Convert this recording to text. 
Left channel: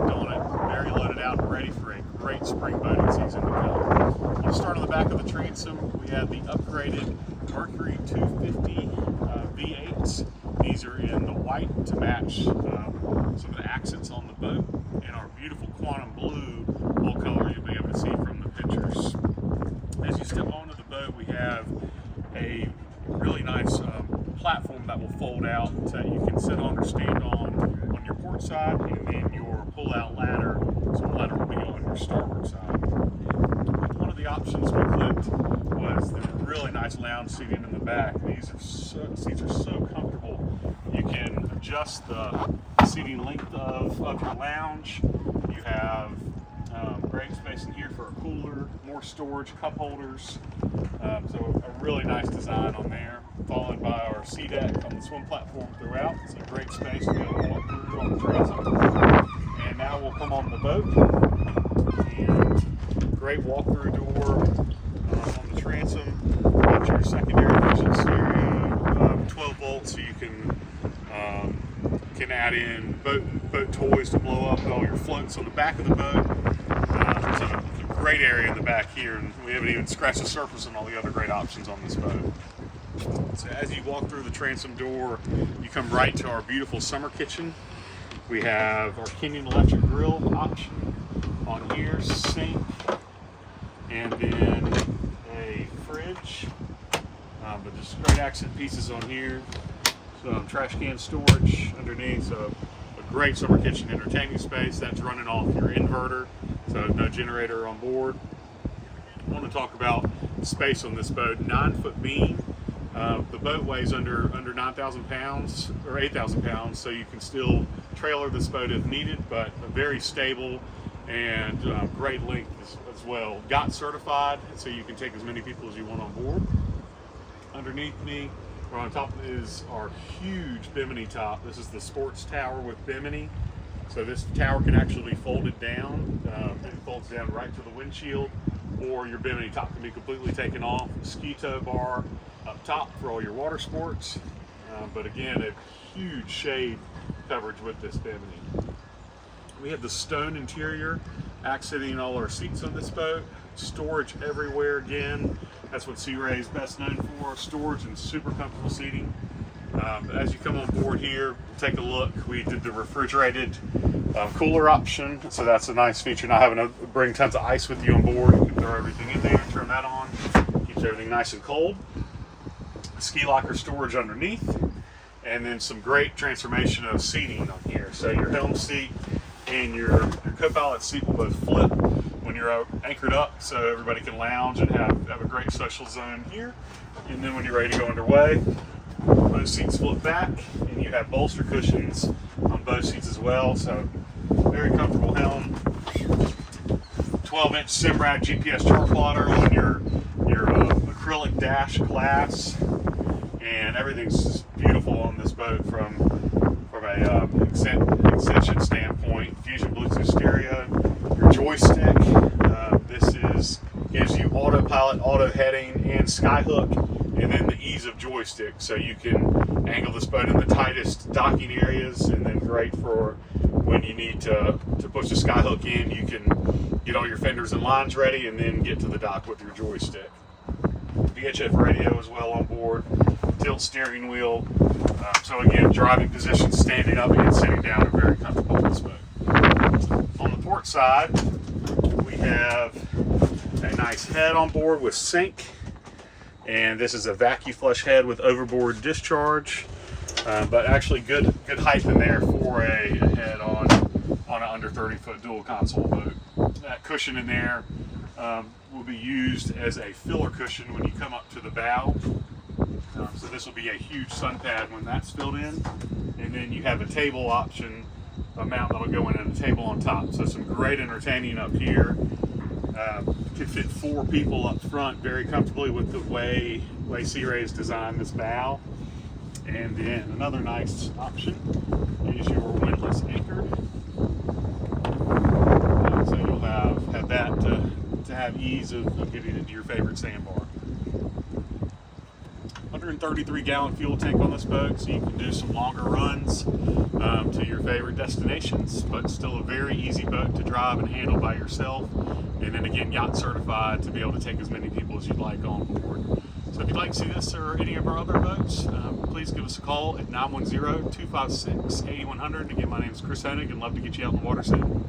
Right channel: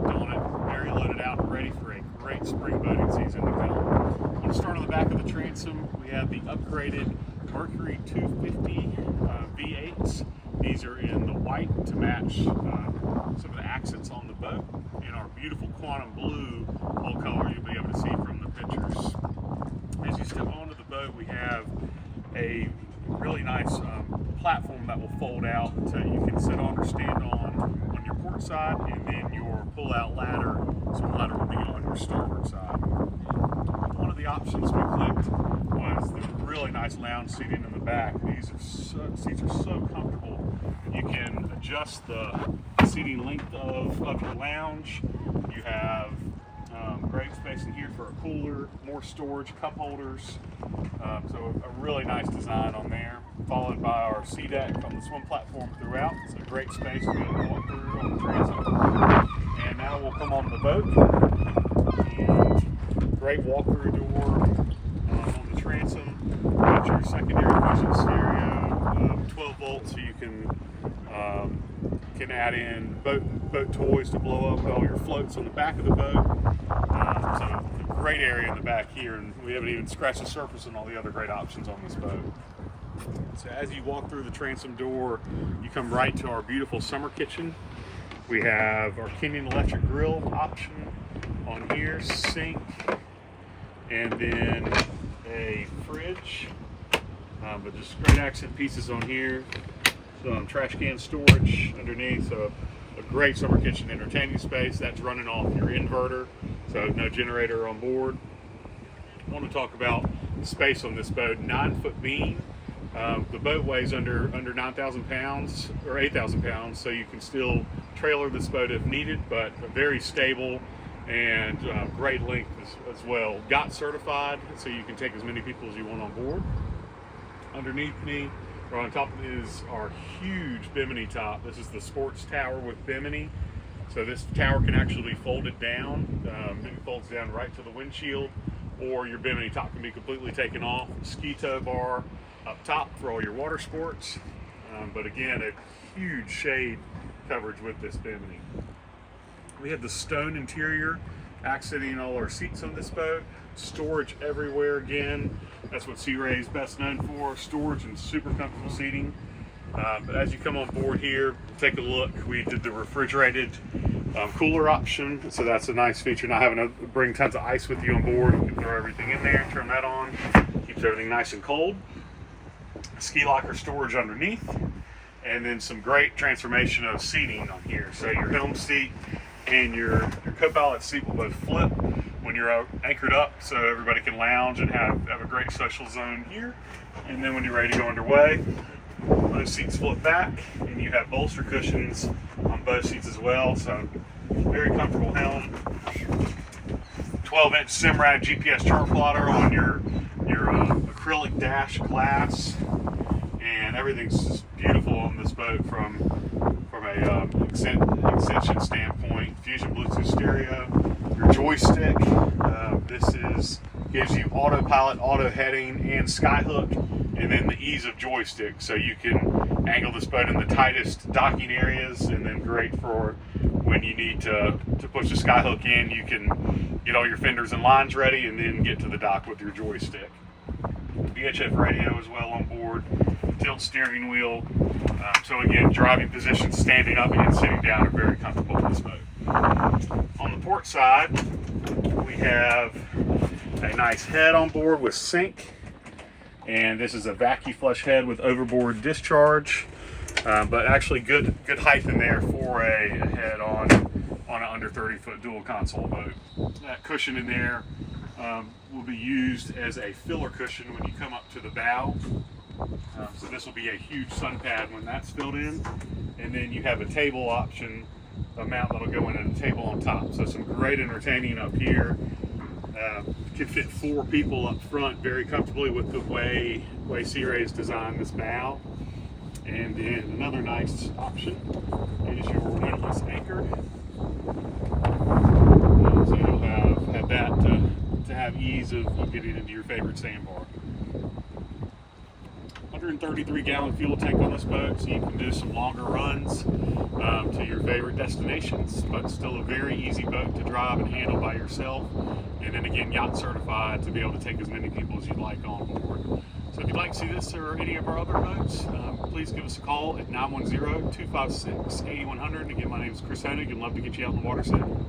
booked on it, very loaded out and ready for a great spring boating season to come. We'll start on the back of the transom. We have the upgraded Mercury 250 V8s. These are in the white to match some of the accents on the boat, and our beautiful quantum blue hull color you'll be able to see from the pictures. As you step onto the boat, we have a really nice platform that will fold out that you can sit on or stand on your port side, and then your pull-out ladder, swim ladder, will be on your starboard side. One of the options we clicked was the really nice lounge seating in the back. These seats are so comfortable. You can adjust the seating length of your lounge. You have great space in here for a cooler, more storage, cup holders. So a really nice design on there, followed by our sea deck on the swim platform throughout. It's a great space to be able to walk through on the transom. And now we'll come on the boat, and great walk-through door on the transom. Got your secondary vision stereo, 12 volts, so you can add in boat toys to blow up all your floats on the back of the boat. So it's a great area in the back here, and we haven't even scratched the surface on all the other great options on this boat. So as you walk through the transom door, you come right to our beautiful summer kitchen. We have our Kenyan electric grill option on here, sink, and then a fridge, but just great accent pieces on here. Some trash can storage underneath, so a great summer kitchen entertaining space. That's running off your inverter, so no generator on board. I want to talk about the space on this boat. 9-foot beam. The boat weighs under 9,000 pounds or 8,000 pounds, so you can still trailer this boat if needed, but very stable and great length as well. Yacht-certified, so you can take as many people as you want on board. Underneath me, or on top is our huge bimini top. This is the sports tower with bimini. So this tower can actually be folded down. It folds down right to the windshield, or your bimini top can be completely taken off. Ski tow bar up top for all your water sports. But again, a huge shade coverage with this bimini. We have the stone interior accenting all our seats on this boat. Storage everywhere again. That's what Sea Ray is best known for, storage and super comfortable seating. But as you come on board here, take a look. We did the refrigerated cooler option, so that's a nice feature, not having to bring tons of ice with you on board. You can throw everything in there, turn that on, keeps everything nice and cold. Ski locker storage underneath, and then some great transformation of seating on here. So your helm seat and your co-pilot seat will both flip when you're anchored up, so everybody can lounge and have a great social zone here. And then when you're ready to go underway, those seats flip back, and you have bolster cushions on both seats as well. So very comfortable helm. 12-inch Simrad GPS chart plotter on your acrylic dash glass, and everything's just beautiful on this boat from a extension standpoint. Fusion Bluetooth stereo, your joystick. Gives you autopilot, auto heading, and skyhook, and then the ease of joystick, so you can angle this boat in the tightest docking areas, and then great for when you need to push the skyhook in. You can get all your fenders and lines ready, and then get to the dock with your joystick. VHF radio as well on board, tilt steering wheel. So again, driving position, standing up and sitting down are very comfortable on this boat. On the port side, we have a nice head on board with sink, and this is a vacuum flush head with overboard discharge, but actually good height in there for a head on an under 30-foot dual console boat. That cushion in there will be used as a filler cushion when you come up to the bow. So this will be a huge sun pad when that's filled in, and then you have a table option, a mount that'll go in and a table on top. So some great entertaining up here. Could fit 4 people up front very comfortably with the way Sea Ray's designed this bow. And then another nice option is your windlass anchor. So you'll have that to have ease of getting into your favorite sandbar. 133-gallon fuel tank on this boat, so you can do some longer runs to your favorite destinations. But still a very easy boat to drive and handle by yourself. And then again, yacht certified to be able to take as many people as you'd like on board. So if you'd like to see this or any of our other boats, please give us a call at 910-256-8100. Again, my name is Chris Hennig and love to get you out in the water soon.